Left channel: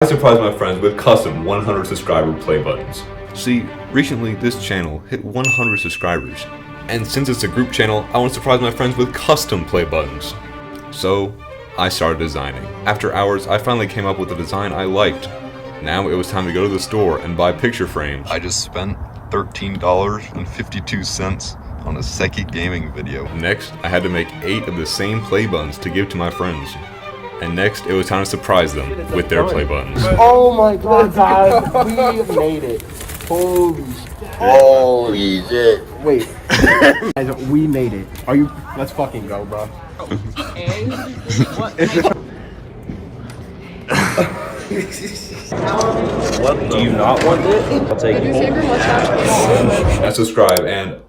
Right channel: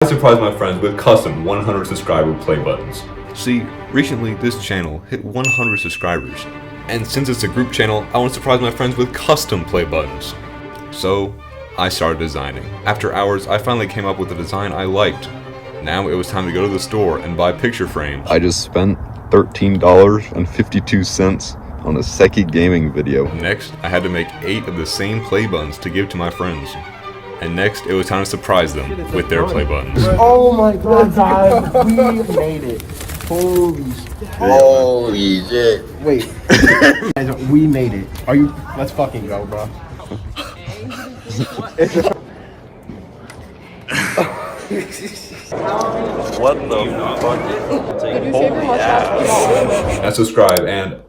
I surprised my friends with custom 100 subscriber play buttons. See, recently this channel hit 100 subscribers, and since it's a group channel, I want to surprise my friends with custom play buttons. So, I started designing. After hours, I finally came up with a design I liked. Now it was time to go to the store and buy picture frames. I just spent $13.52 on a Seki gaming video. Next, I had to make 8 of the same play buttons to give to my friends. And next, it was time to surprise them with their play buttons. Oh my god, guys, we made it. Holy shit. Holy shit. Wait. Guys, we made it. Are you? Let's fucking go, bro. What the? Do you not want it? I'll take it. And subscribe, and